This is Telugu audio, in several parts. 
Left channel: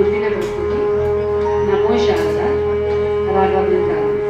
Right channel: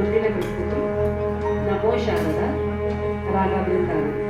గుర్తిన వ్యక్తికి నమోషాగా రాగవృతాన్ని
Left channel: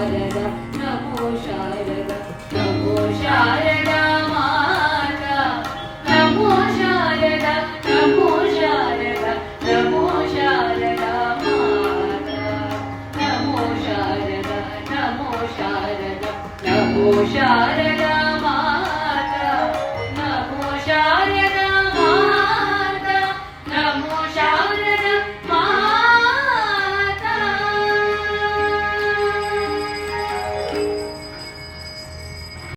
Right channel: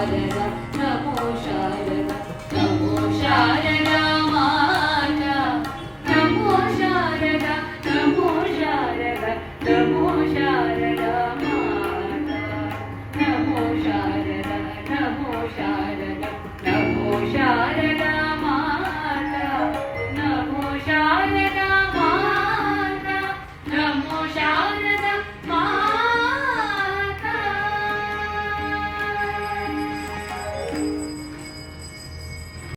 శారద నమో శారద నమో శారద మాత నమో శారద నమో శారద నమో శారద మాత నమో శారద నమో శారద నమో శారద